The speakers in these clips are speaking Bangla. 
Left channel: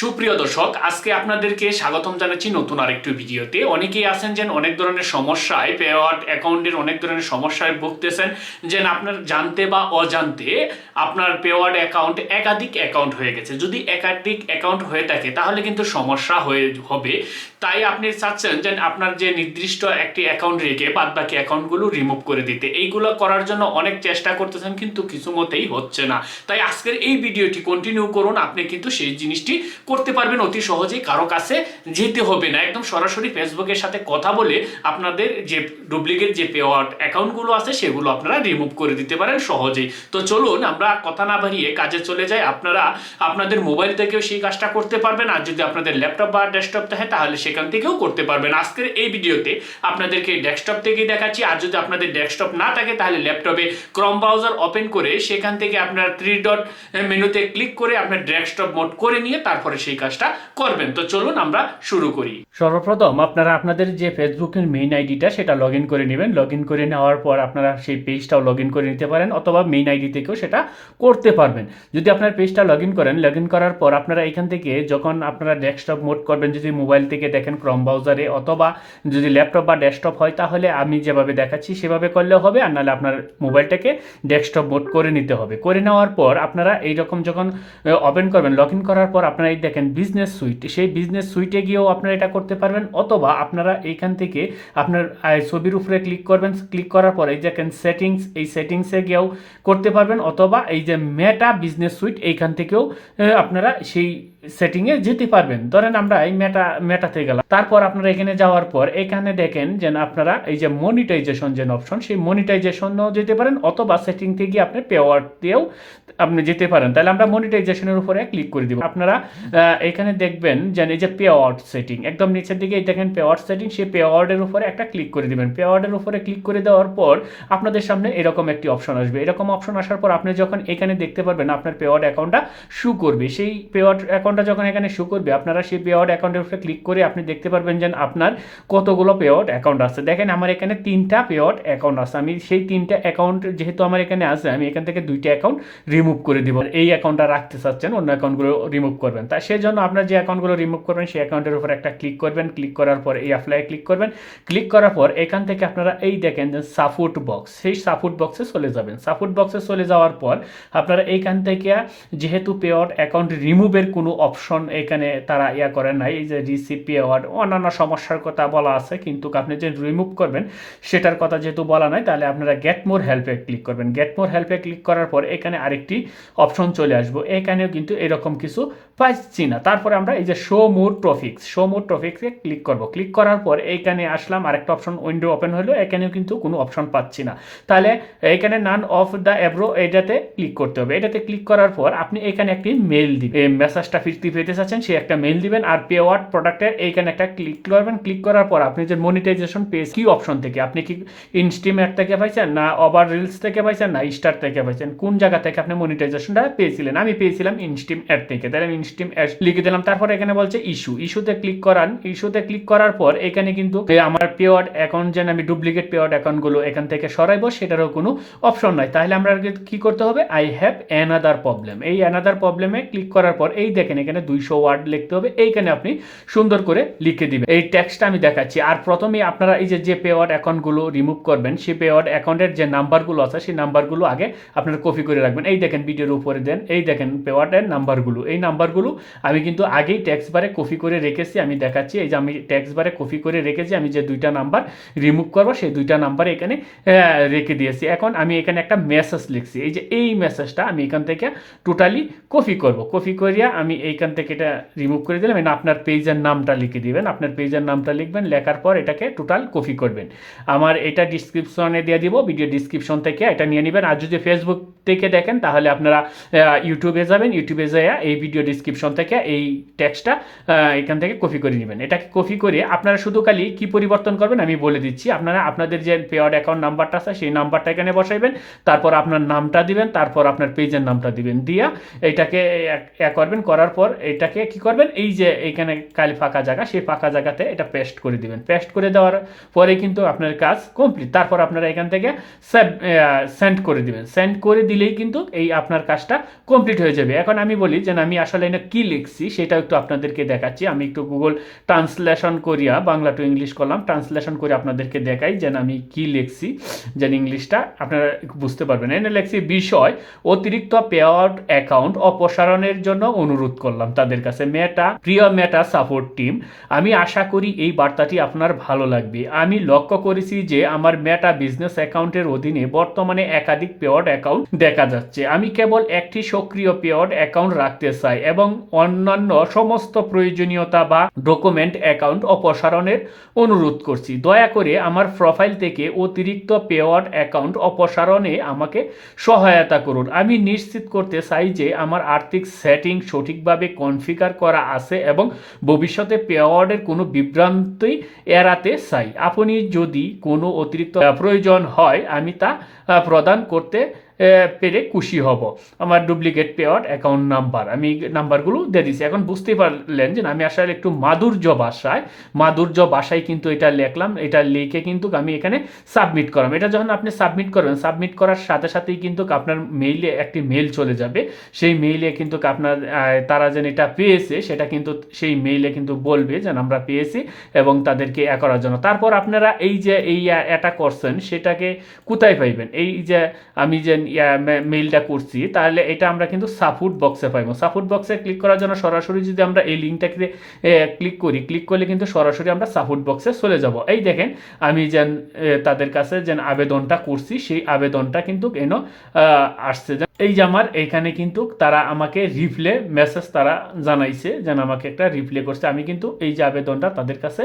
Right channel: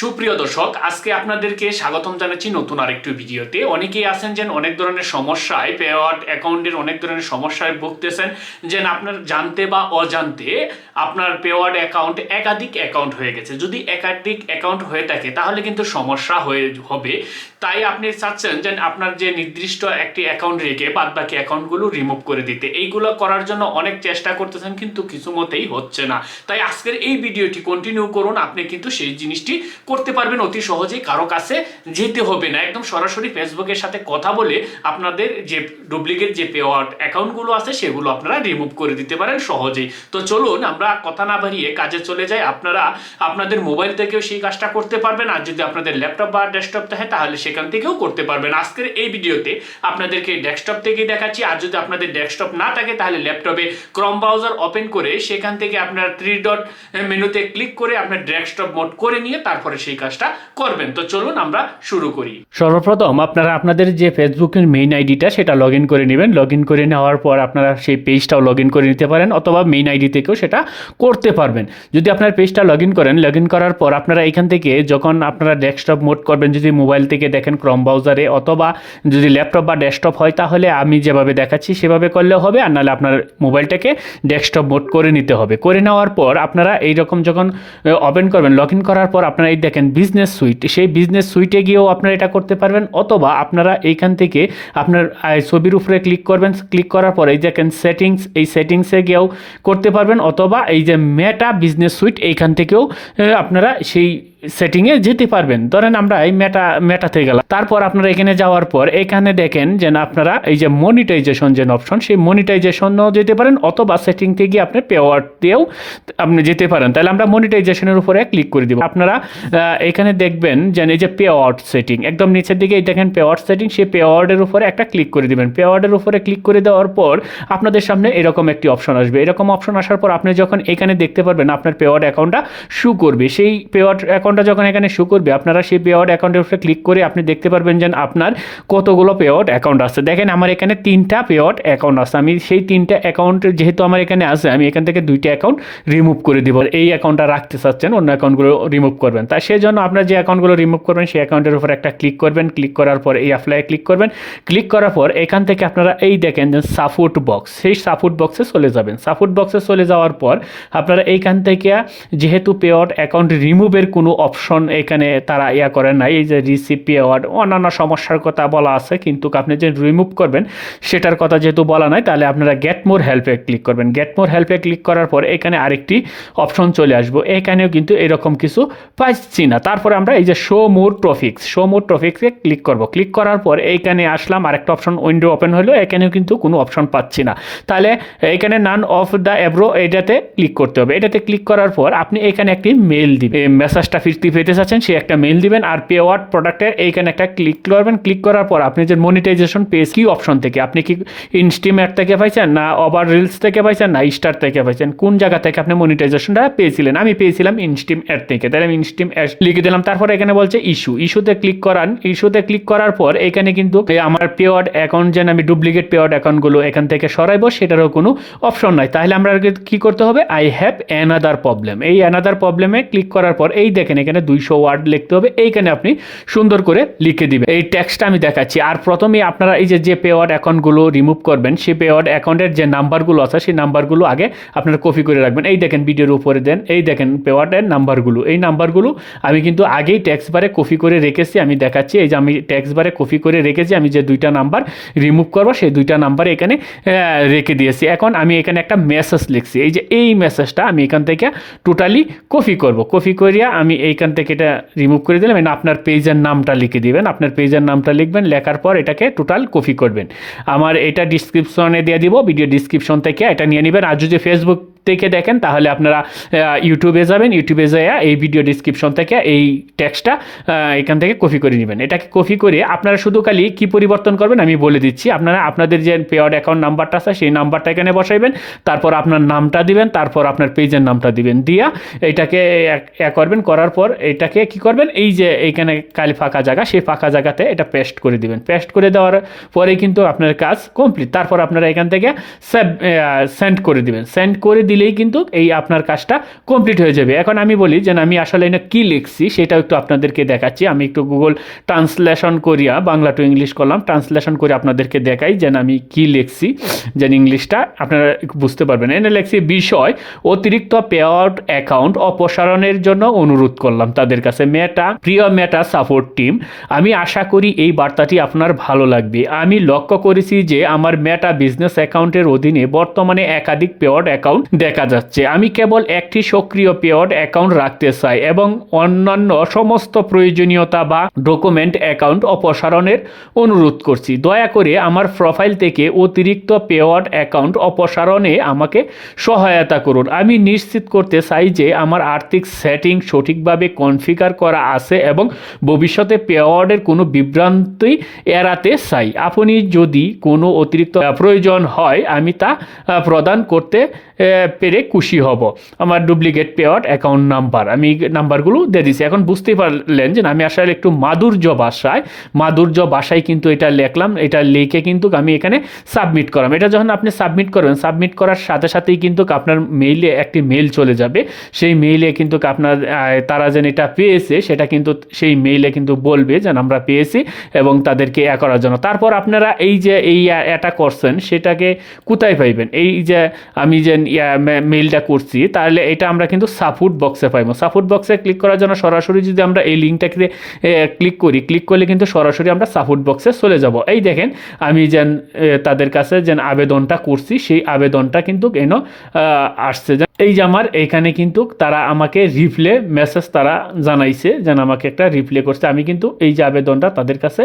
সুপ্রিয় দর্শক, আজকে আপনাদেরকে স্বাগতম জানাচ্ছি নতুন আরেকটি ভিডিওতে। অনেকেই আছেন যেন অনেক ধরনের সমস্যায় পেওয়ার্ড অ্যাকাউন্টের অনেক ধরনের সমস্যায় ভুগতেছেন যেন আপনার জানতে বা অজান্তে আপনার পেওয়ার্ড অ্যাকাউন্ট একাধিক অ্যাকাউন্ট হয়ে গেছে। যদি একাধিক অ্যাকাউন্ট হয়ে থাকে, তাহলে কিন্তু সমস্যা হয়ে হবে। তাই আপনি চাচ্ছেন যেন আপনার যে নির্দিষ্ট একটি অ্যাকাউন্ট রেখে বাদ বাকি অ্যাকাউন্টগুলো রিমুভ করে দিতে। এইগুলো করার জন্য অনেক চেষ্টা করতেছেন, কিন্তু কিছু মতেই হচ্ছে না। তাই আজকের এই ভিডিওটি কন্টিনিউ করুন। আপনি কিন্তু সেই জিনিসটি করতে পারবেন অতি সহজেই, কারও কাছে যেতে হবে না। একদম সরাসরি ফেসবুকের সাথে কথা বলে আপনাদের যে ডুপ্লিকেট যে পেওয়ার্ড অ্যাকাউন্টগুলো আছে, সেগুলো আপনারা রিমুভ করে দিতে পারেন সহজেই। তো চলুন, আমরা কথা না বাড়িয়ে কাজে চলে যাই। আপনারা আপনাদের মোবাইল থেকেও সেই কাজটা করতে পারবেন, আর যদি আপনাদের ল্যাপটপ বা ডেস্কটপ থাকে, তাহলে সেখান থেকেও করতে পারবেন। আজকের এই ভিডিওতে আপনাদেরকে ডেস্কটপ থেকেই দেখাচ্ছি, আর যদি আপনাদের ডেস্কটপ না থাকে, তাহলে ল্যাপটপে ক্রম ব্রাউজার ওপেন করে সেখান থেকে আপনার থ্রি ডট মেনুতে ক্লিক করে আপনার ডেস্কটপ মোড করে নিয়ে, তারপরে সেই কাজটা করবেন। তো চলুন আমরা শুরু করি। সর্বপ্রথম আপনারা আপনাদের যে ফেসবুকের মেইন আইডিটা সেটা লগ ইন করে নেবেন। লগ ইন করে নেওয়ার পর আপনারা সেই পেজটাও লগ ইন করে নিতে পারেন অথবা মেইন আইডি থেকেও সেটা করতে পারবেন। যদি আপনার পেজটা লগ ইন করেন লগ ইন করার পর আপনারা এখান থেকে যখন আপনারা ডেস্কটপ মোড করবেন, যদি মোবাইল থেকে দেখেন ক্রম ব্রাউজারে অথবা যদি ল্যাপটপ বা ডেস্কটপ হয়, তাহলে আমি যেভাবে দেখাচ্ছি সেভাবে করলেও হবে। আর নাহলে আপনার মোবাইলটাকে ডেস্কটপ মোড করে নিতে হবে। করে নেওয়ার পর আপনারা এইরকম যখন ওপেন করবেন লগ ইন করার পর আপনারা এই দেখেন বিজনেস সুইট সেই বিজনেস সুইটে গিয়েও আপনারা এটা করতে পারবেন, অথবা আপনারা এইখান থেকে আপনার ছবির উপরে ক্লিক করবেন ক্লিক করার পরে দেখেন সেটিংস এই সেটিংসে গিয়েও করতে পারবেন, অথবা এই যে মেটা বিজনেস সুইট এইখান থেকেও আপনারা সেই সেটিংয়ে যেতে পারবেন। ধরেন আমরা এই মেটা মেটাতে গেলাম। তারপর আপনারা এখানে যাওয়ার পর এখানে দেখেন যে আপনারা এই যে মনিটাইজেশন যে অপশন সেই মনিটাইজেশনও যেতে পারেন, অথবা সেটিং থেকে আপনি পেওয়ার দিয়েও আপনি যেতে পারেন। তাহলে আমরা মনিটাইজেশনের উপরে ক্লিক করে দিব। আপনারা এখানে দেখবেন যেন এই যে পেওয়ার্ড সেটিং একদম নিচের দিকে এই দেখেন পেওয়ার্ড সেটিং সেই পেওয়ার্ডের উপরে একটা ক্লিক করে দিবেন। পেওয়ার্ডের উপরে ক্লিক করে দেওয়ার পর আপনাদের সামনে এরকম একটি অপশন আসবে। এরকম অপশন আসার পর আপনি যখন এখানে দেখতে পারবেন আপনার পেওয়ার্ড অ্যাকাউন্টটা শু করবে। সেই পেওয়ার্ড অ্যাকাউন্টটা যখন এখানে শু করবে, আপনারা সেই পেওয়ার্ড অ্যাকাউন্টের উপরে ক্লিক করে আপনি দেখতে পারবেন যে আপনার কতগুলো পে পেওয়ার্ড অ্যাকাউন্ট আছে। দেখেন আমার এখানে তিনটা পে পেওয়ার্ড অ্যাকাউন্ট আছে। আমি সেই তিনটা অ্যাকাউন্ট যেহেতু আমার এখানে আছে, আমি এখান থেকে দুইটা অ্যাকাউন্ট রিমুভ করে দিব। এই অ্যাকাউন্টটা রাখতে চাচ্ছেন, অন্য অ্যাকাউন্টগুলো রিমুভ করবেন। তাই সেই জন্য আপনার যে অ্যাকাউন্টগুলো রিমুভ করবেন, সেই অ্যাকাউন্টের উপর একটা ক্লিক করবেন। ক্লিক করার পর এই অ্যাপ্লাই ক্লিক করবেন। ক্লিক করার পর এখান থেকে আপনারা এই দেখেন যে সাপোর্ট বক্স সেই সাপোর্ট বক্সে চলে যাবেন। সাপোর্ট বক্সে চলে যাওয়ার পর আপনারা এইখান থেকে যেহেতু পেওয়ার্ড অ্যাকাউন্ট রিমুভের কোনো অপশন এখানে তারা ইয়া করেন নাই, এই যে রিসিভ পেওয়ার্ড অন্যান্য সমস্যার কথা বলা আছে, কিন্তু আপনি যে রিমুভ করবেন, সেটার কথা যেহেতু বলা নাই, তাহলে আপনারা গেট মোর হেল্পে ক্লিক করবেন। গেট মোর হেল্পে ক্লিক করার পর এখানে আরেকটি অপশন চলে আসব। এখানেও কিন্তু এরকম কিছু পাচ্ছি না তারপরে আমরা এই যে show more topics show more ট্রফিক্সে click করব। ক্লিক করার পর এইখানে আসলাম, আরেকটা অপশন উইন্ডো ওপেন হলো, এখানেও কিন্তু কোনো অপশন পাচ্ছি না। তাহলে এখানে নান অফ দ্য অ্যাব্রো এটাতে ক্লিক করতে হবে। এটাতে ক্লিক করার পর আপনি এখানে একটি মেল দিবেন। মেসেজটা ফিরতে পেতে চাচ্ছেন, সে একটা মেল দিবেন আর পে ওয়ার্ড প্রোডাক্টের এইখানে একটা ক্লিক করবেন। ক্লিক করার পর আপনি যে মনিটাইজেশন পেজ কি অপশন থেকে? আপনি কি ইনস্টিমেট থেকে পাইছেন, না ওভার রিলস থেকে পাইছেন, না স্টার থেকে পাইছেন? কোন জায়গা থেকে আপনি মনিটাইজেশনটা পেয়েছিলেন? আমি পেয়েছিলাম ইনস্টিম অ্যাড থেকে। তাহলে আমি ইনস্টিম অ্যাড লিখে দিলাম। তারপর এখানে বলছে ইস্যু ইস্যুতে ক্লিক করান। ইস্যুতে ক্লিক করার পর এখানে কিন্তু আমার পেওয়ার্ড অ্যাকাউন্ট যেন আমি ডুপ্লিকেট পেওয়ার্ড অ্যাকাউন্টগুলো এখান থেকে সরাইবো, সেটারও কোনো অপশন নাই। তাহলে আমরা কি করতে হবে? আই হ্যাভ অ্যানাদার প্রবলেম এই অ্যানাদার প্রবলেমে ক্লিক করার পর, এই দেখেন এখানে দুইশো ওয়ার্ড লিখতে হবে। এইখানে আপনি সুন্দর করে লিখে দিবেন। এই ট্যাক্সটা আমি দেখাচ্ছি। আর প্রথমে আপনারা এই যে যে পেওয়ার্ড অ্যাকাউন্টগুলো রিমুভ করবেন, সেই পেওয়ার্ড অ্যাকাউন্টের যে নাম্বারগুলো আছে, সেই নাম্বারগুলো আগে আপনারা কপি করে রাখবেন। এই দেখেন ভিডিওর উপরে দেন। এই দেখেন পেওয়ার্ডের নাম্বারগুলো এই নাম্বারগুলো আমি কিন্তু আগেই ট্যাক্স বারে কপি করে রেখেছি, আমি দেখাচ্ছি, এই যে আমি ট্যাক্স বারে কপি করে রেখেছি, আমি যে দুইটা নাম্বার রিমুভ করব, সেই দুইটা নাম্বার এখানে রেখে দিয়েছি। এখন আমি এখানে একটা মেসেজ লিখছি, এই যে এই মেসেজটা আমি এখান থেকে টোটালি কপি করব। কপি করিয়া আমি এইখান থেকে এটা রিমুভ করে দিলাম and আপনার পেজের নামটা লিখে দিবেন, আপনার পেজের নামটা লিখবেন, লেখার পর এটাকে টোটাল কপি করবেন। আমার এটা ডিসক্রিপশনে দিয়ে দিব ভিডিও ডিসক্রিপশন থেকে এটা নিয়ে নেবেন, আর যদি ফেসবুক থেকে দেখেন, তাহলে আপনারা ইউটিউবে যাবেন ইউটিউবে যেয়ে এই ভিডিও ডিসক্রিপশন থেকে এই টেক্সটটা এখান থেকে কপি করে নেবেন। এটাকে কপি করে আপনারা শুধু খালি কী পরিবর্তন করবেন আমি বলে দিচ্ছি। আপনারা, আপনাদের যে পেয়ার্ড অ্যাকাউন্ট নাম্বারটা আছে, সেই নাম্বারটা এখানে বসাইবেন, তারপর আপনার নামটা দিবেন, তারপর আপনার পেজের নামটা দিবেন। দিয়া এক করবেন, করার পর এটাকে কি করবেন, এই যে এইখানে কালি ফাঁকা জায়গা, সেই ফাঁকা জায়গাতে এটা পেস্ট করে দিবেন। পেস্ট করে দেওয়ার পরে কিন্তু আপনার কাজ কমপ্লিট তারপর আপনারা এখান থেকে সেন্ড করে দিবেন। সেন্ড করে দিলেই কিন্তু এই আপনার কাজটা কমপ্লিট হয়ে যাবে। এখন আমি বলি যে, আমি আসলে না কি লিখছি সেটাও একটু আপনাদেরকে দেখাচ্ছি। আমি একটু গুগল ট্রান্সলেশন করিয়া, বাংলা টু ইংলিশ করলাম। ট্রান্সলেশন করে আপনাদেরকে দেখাই যেন আমি কি লিখছি, যেন ইংলিশটা আপনারা বুঝতে পারবেন। এনে লিখছি, বিষয়, অতিরিক্ত পে আউট অ্যাকাউন্ট অপসারণের জন্য অনুরোধ করলাম তাদের কাছে। মেটা প্রিয় মেটা সাপোর্ট টিম আমি আশা করি এই বার্তাটি আপনার ভালো লাগবে। আমি লক্ষ্য করেছি যে, আমার মেটা বিজনেস অ্যাকাউন্টের অধীনে বর্তমানে একাধিক পেওয়ার্ড অ্যাকাউন্ট দেখা যাচ্ছে। আমি কেবল একটি সক্রিয় পেওয়ার্ড অ্যাকাউন্ট রাখতে চাই এবং অন্যান্য সমস্ত প্রয়োজনীয়তা বা ডকুমেন্ট অ্যাকাউন্ট অপসারণের অনুরোধ করছি। দয়া করে আমার প্রোফাইল থেকে অতিরিক্ত পেওয়ার্ড অ্যাকাউন্ট অপসারণে আমাকে সহায়তা করুন। আমি নিশ্চিত করতে চাই যে আমার আর্থিক সেটিং সঠিকভাবে কনফিগার করা আছে এবং ভবিষ্যতে পেওয়ার্ডের কোনো বিভ্রান্তি এড়াতে চাই। আপনি যদি কোনো অতিরিক্ত প্রয়োজন হয়, আমি তা প্রদান করতে পেরে খুশি হব। আমার ডুপ্লিকেট পেওয়ার্ড অ্যাকাউন্ট নাম্বার আমি নাম্বারগুলো দিয়ে দিছি। এখন বুঝতেই পারলেন যে আমি আসলে একটু মাধুর্য ভাষায় মাধুর্য ভাষায় কিন্তু এটা লিখলাম। এটা লিখে কিন্তু আমি এখানে সাবমিট করলাম এটা যখন আপনি সাবমিট করবেন সাবমিট করার সাথে সাথেই কিন্তু আপনার মেইলে একটি মেইল চলে যাবে। সেই মেইলে কিন্তু আপনার তারা যেন এটা পেয়েছে, সেটা কিন্তু সেই মেইলে কিন্তু বলবে যেন আমরা পেয়েছি এবং তাদেরকে এ করার জন্য। তারপর আপনারা এই যে এই এটা করছেন, সেটাকে কোথায় পাইবেন? এই যে আমি যে মেইলটা করছি, তাহলে এটা আমরা কিন্তু সাপোর্ট বক্সে পাইবো। সাপোর্ট বক্সে ক্লিক করার জন্য সরাসরি যদি আমরা এই লিঙ্কটাকে ক্লিক করি ক্লিক করলে কিন্তু সরাসরি আমরা সাপোর্ট বক্সে চলে যাব। এই দেখেন, আমি যেন তাদের কাছে যেন আবেদনটা করছি, সেই আবেদনটা কিন্তু এনো আসছে। এই যে আমার এইখানে কিন্তু তারা আমাকে রিপ্লে মেসেজ তারা জানাইছে, যেন আমাকে একটা রিপ্লে করছে। আমি কিন্তু এই যে আবেদনটা তাদের কাছে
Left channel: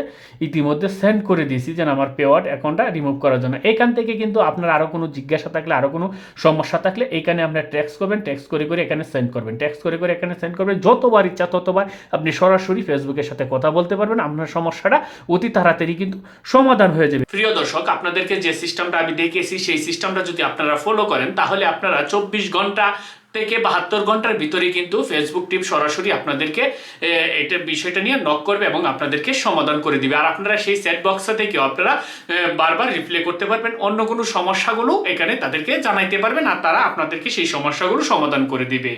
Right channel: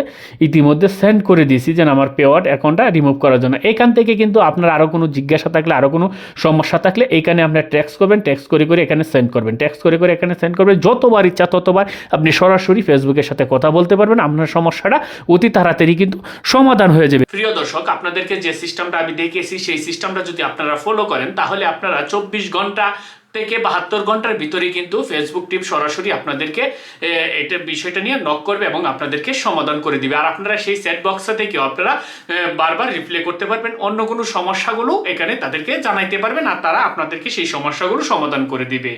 ইতিমধ্যে সেন্ড করে দিয়েছি, যেন আমার পেওয়ার্ড অ্যাকাউন্টটা রিমুভ করার জন্য। এখান থেকে কিন্তু আপনার আরও কোনো জিজ্ঞাসা থাকলে আরও কোনো সমস্যা থাকলে এইখানে আপনার ট্যাক্স করবেন ট্যাক্স করে করে এখানে সেন্ড করবেন। ট্যাক্স করে করে এখানে সেন্ড করবেন, যতবার ইচ্ছা ততবার আপনি সরাসরি ফেসবুকের সাথে কথা বলতে পারবেন, আপনার সমস্যাটা অতি তাড়াতাড়ি কিন্তু সমাধান হয়ে যাবে। প্রিয় দর্শক, আপনাদেরকে যে সিস্টেমটা আমি দেখিয়েছি, সেই সিস্টেমটা যদি আপনারা ফলো করেন, তাহলে আপনারা চব্বিশ ঘণ্টা থেকে বাহাত্তর ঘণ্টার ভিতরে কিন্তু ফেসবুক টিম সরাসরি আপনাদেরকে এটা বিষয়টা নিয়ে নক করবে এবং আপনাদেরকে সমাধান করে দিবে। আর আপনারা সেই সেট বক্সটা থেকে আপনারা বারবার রিপ্লে করতে পারবেন। অন্য কোনো সমস্যাগুলো এখানে তাদেরকে জানাইতে পারবেন আর তারা আপনাদেরকে সেই সমস্যাগুলো সমাধান করে দিবে।